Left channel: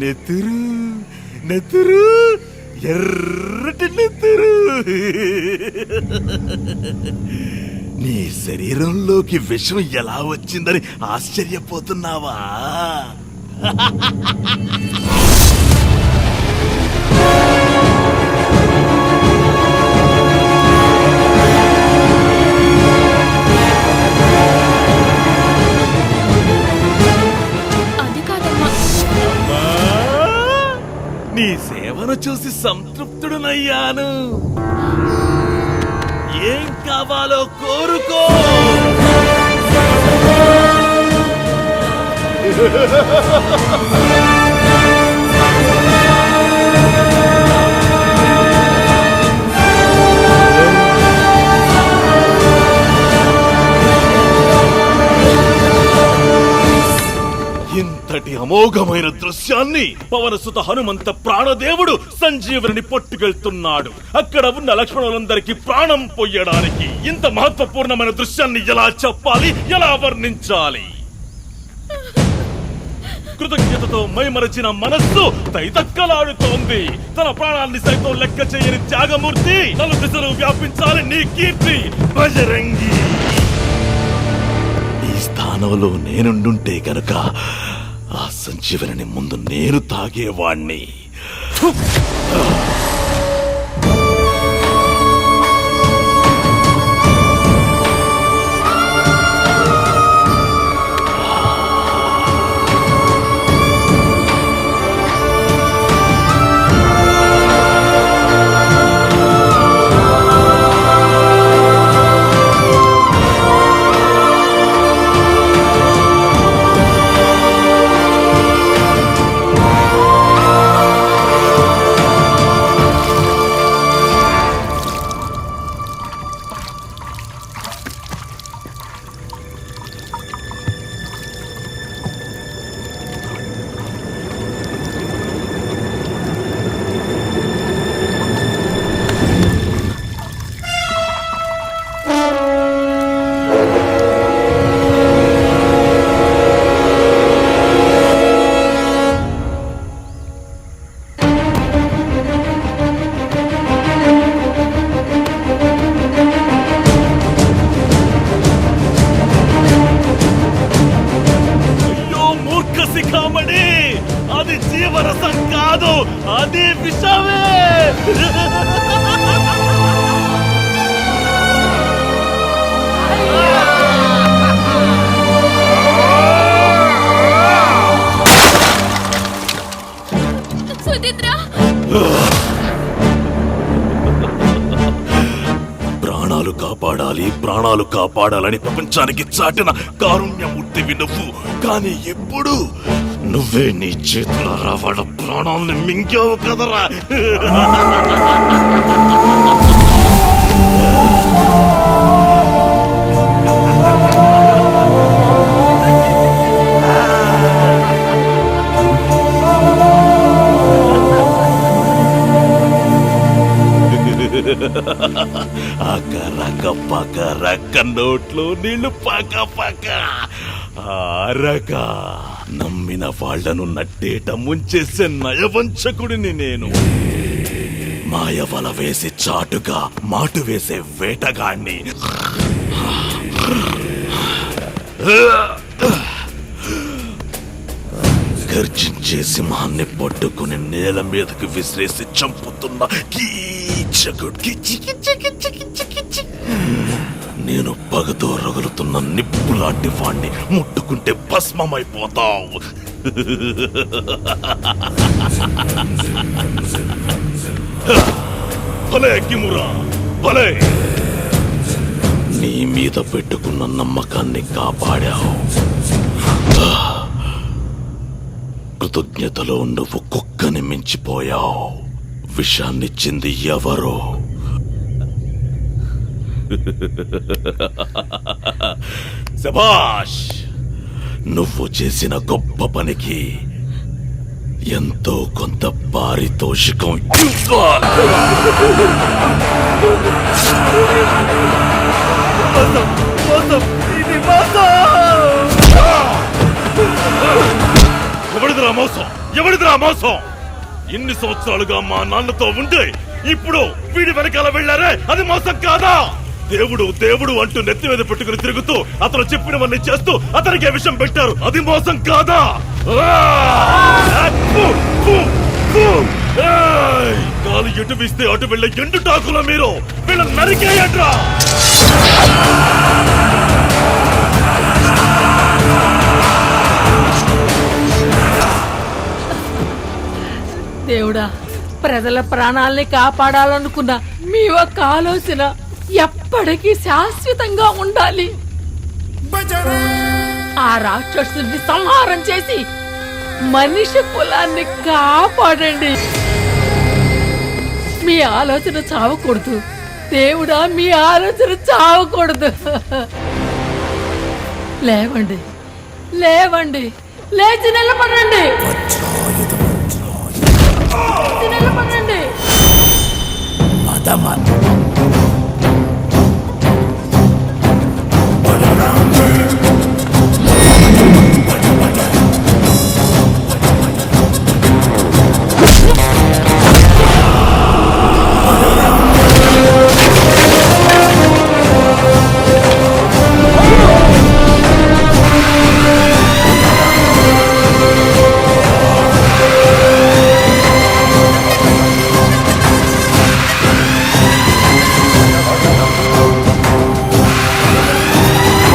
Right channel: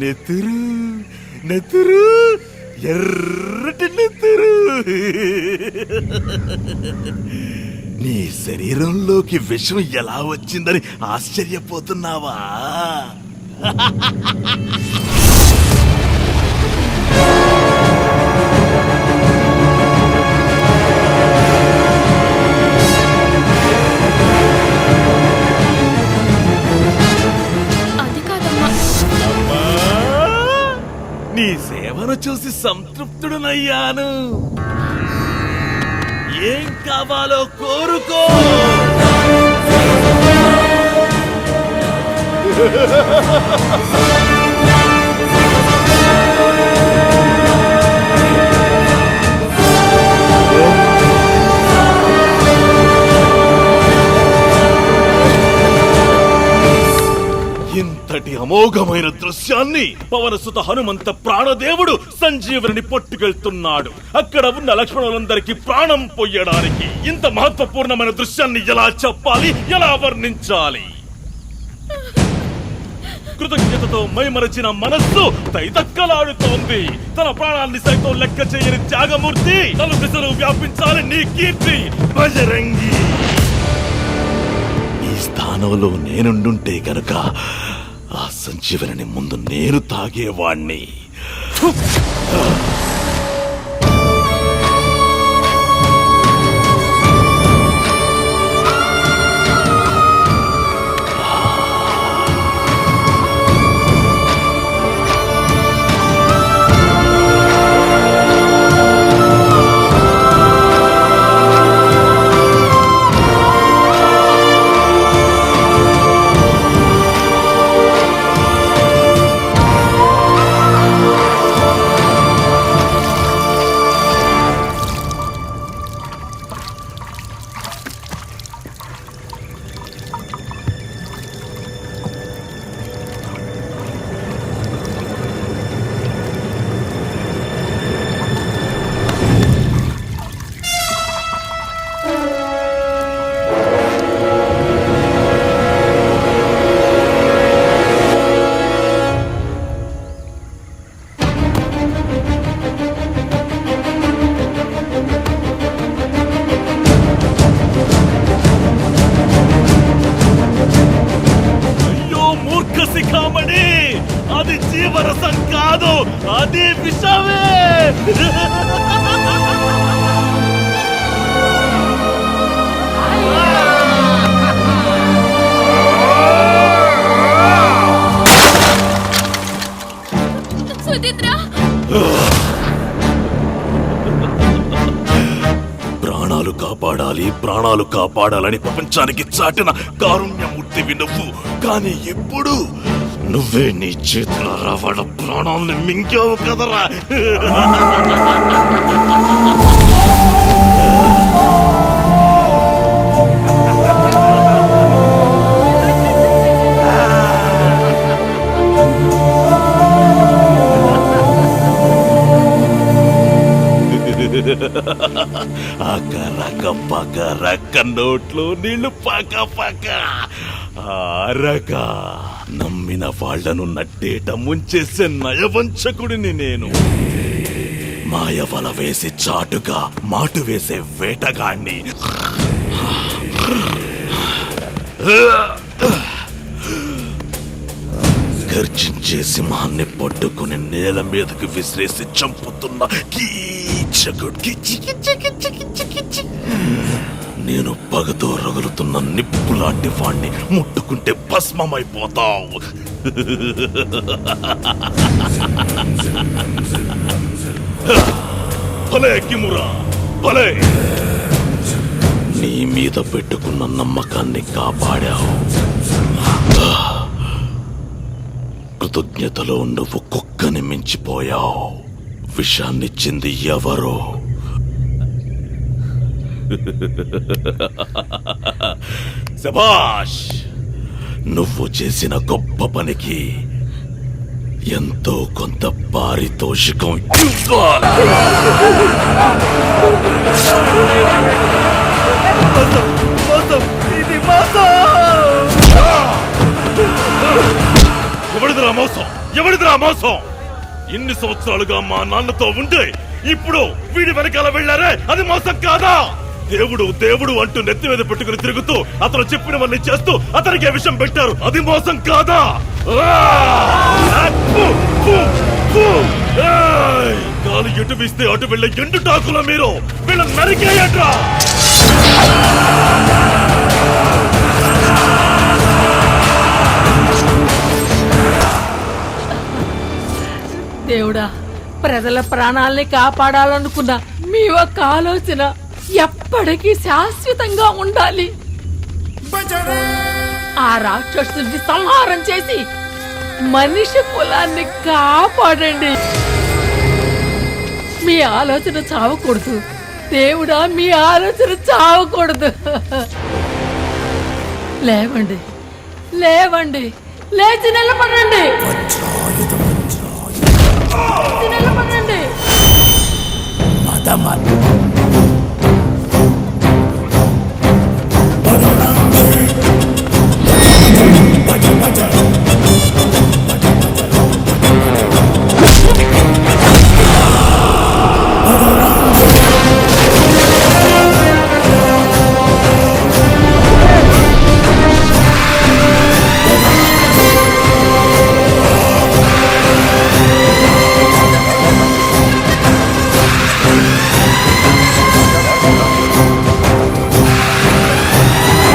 నెత్తురు నెత్తురు ఎర్రటి నెత్తురు నీ శరీరంలోకి విషం ఎలా వచ్చిందని ఆశ్చర్యపోతున్నావా? అమ్మా, నీ సేవను చూసి సంతృప్తుడునయ్యాను. ఏం కావాలో కోరుకో. ఇంతటి అమోఘమైన దృశ్యాన్ని పవనసుత హనుమంత ప్రాణదేవుడు సంజీవుని పట్టుకెళ్తున్నాడు. అక్కడ ఉన్న లక్ష్మణులందరికీ ప్రాణం పొయ్యడానికి. ఇంత మహత్వపూర్ణమైన దృశ్యాన్ని ఎలా చెప్పాలి, ఎలా వర్ణించాలి? కృతజ్ఞతతో మైమరచిన మనస్సు తైతక్కలాడుతోంది. తన ప్రాణాన్ని సైతం లెక్క చేయని త్యాగమూర్తి, నలు దిశలు వ్యాపించాలి నీ కీర్తి బజరంగి. ఈ స్థానంలో నేనుండుంటే కనుక ఆ సంజీవని ముందు నేను తాగేవాణ్ణి. శిఖామణి, అది జీవరసం కాదు, అది విషమే. ప్రాణాలు కాపాడాలి, ప్రాణాలు కాపాడాలని ప్రపంచానికి చాటిన కారుణ్యమూర్తివి నువ్వు. కానీ ఇప్పుడు నువ్వే నీ చేతుల రావణ ప్రాణాలను మింగావు కదరా. అకరక పకరక నోట్లో నీళ్లు పక పక ఆరక నమ్మిన వాళ్లను నట్టేట ముంచేసే నయవంచకుడిని నేను. మాయవల వేసి చాటుగా మాటు వేసే వేటగాణ్ణి. గర్జించే సింహాన్ని పట్టుకుని నేల మీదకు విసిరేసి చంపుతున్న కీచకుడు. నేను పగతో రగులుతున్న నిప్పు లాంటి వాణ్ణి. ముట్టుకుంటే భస్మమైపోతావు. భలే కిమురా, భలే. నీ మీద పెట్టుకున్న నమ్మకాన్ని కాపాడావు. కృతజ్ఞతలో నువ్వు కుక్కని మించిపోయావు. విషాన్నిచ్చింది ఎవరో? శభాష్! నువ్వు చేసిన గొప్ప పనికి ఎంతో కొంత పారితోషికం ఇవ్వాలి. ఇది మోసం! ఎవరిదిరా మోసం? ఎవరిదిరా మోసం? ఇన్ని సంవత్సరాలుగా మా నాన్నతో ఉంటే ఇప్పుడు వీడి వెనకాల వెళ్ళారే, అది మోసం కాదా? దేవుడు దేవుడు అంటూ నెత్తి మీద పెట్టుకుని తిరుగుతూ అతను చెప్పినవన్నీ చేస్తూ అతనికి విషం పెట్టారు, అది మోసం కాదా? కాలు ఎటు వీస్తే అటు వెళ్ళే ఎండు టాకుల మీరు వీళ్ళ నరికేయండ్రా. దేవుడా, ప్రజల ప్రాణాల్ని కాపాడాలనుకున్న మీ ఒక్క ఆలోచన ఎప్పటికీ శాశ్వతంగా ఉండాలి. ఆ రాక్షసుని సంహారం చేసి మనిషి కులాన్ని కాపాడండి. మీ ఆలోచన చావకూడదు దేవుడా, మీ ఆలోచన చావకూడదు. లేవండి, లేవండి, లేచి నిలబడండి, నిలబడండి.